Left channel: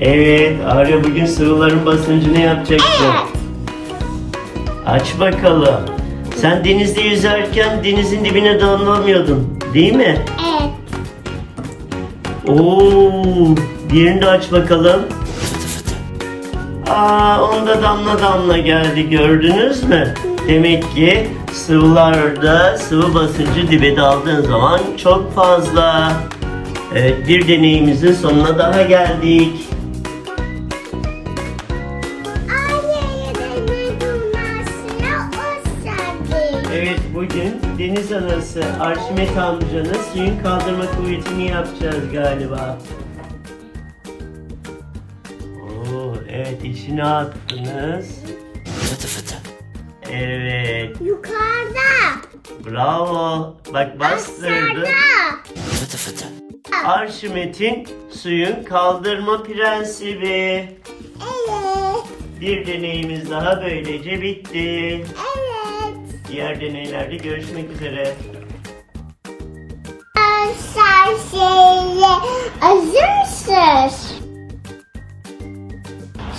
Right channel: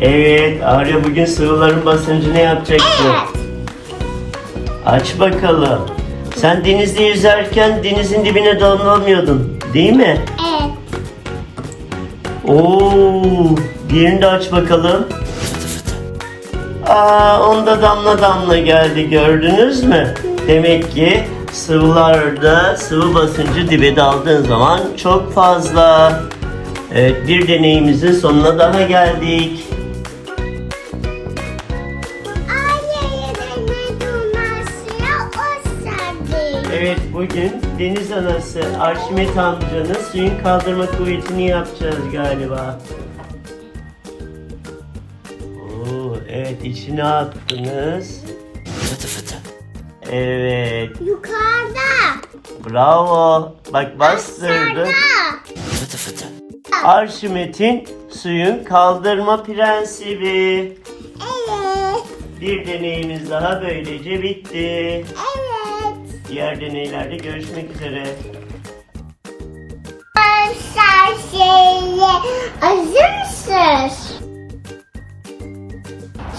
Evet, Arya bugün sıvıların basıncını yapacaksın. Evet. Aç bakalım. Sen denizde yüzerken denizin dibine damlamıyordun, değil mi? Evet. Oo, diğerini de aç bakalım. Aa, onda damla damla geldi gördünüz mü? Demek ki sıvılarda sıvı basıncı dibe daldığın zaman çok fazla. Evet, bir deneyimizin sonuna daha geldik. Evet, bugün deniz anası Arşimet amcanın suyun kaldırma kuvvetini yapacağız galiba. Oo, evet, içine attınız. Evet, Yukarıda. bravo. Bak bastırdı. Aşağıda. Arşimet'in suyun kaldırma prensibi. Evet. Bir deneyimiz daha böylece bitti. Evet. Diğer deneylerde görüşmek üzere. Şeye hazır mısınız?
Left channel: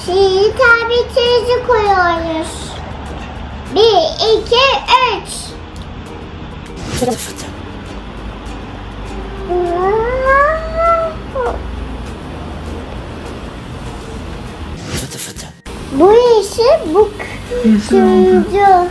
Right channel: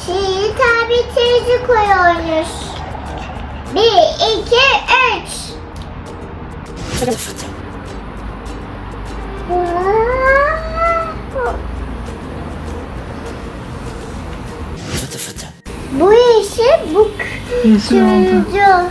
Şimdi tabletinizi koyuyoruz. Bir, iki, üç. Bu yeşil, bu Yeşil oldu. turuncu.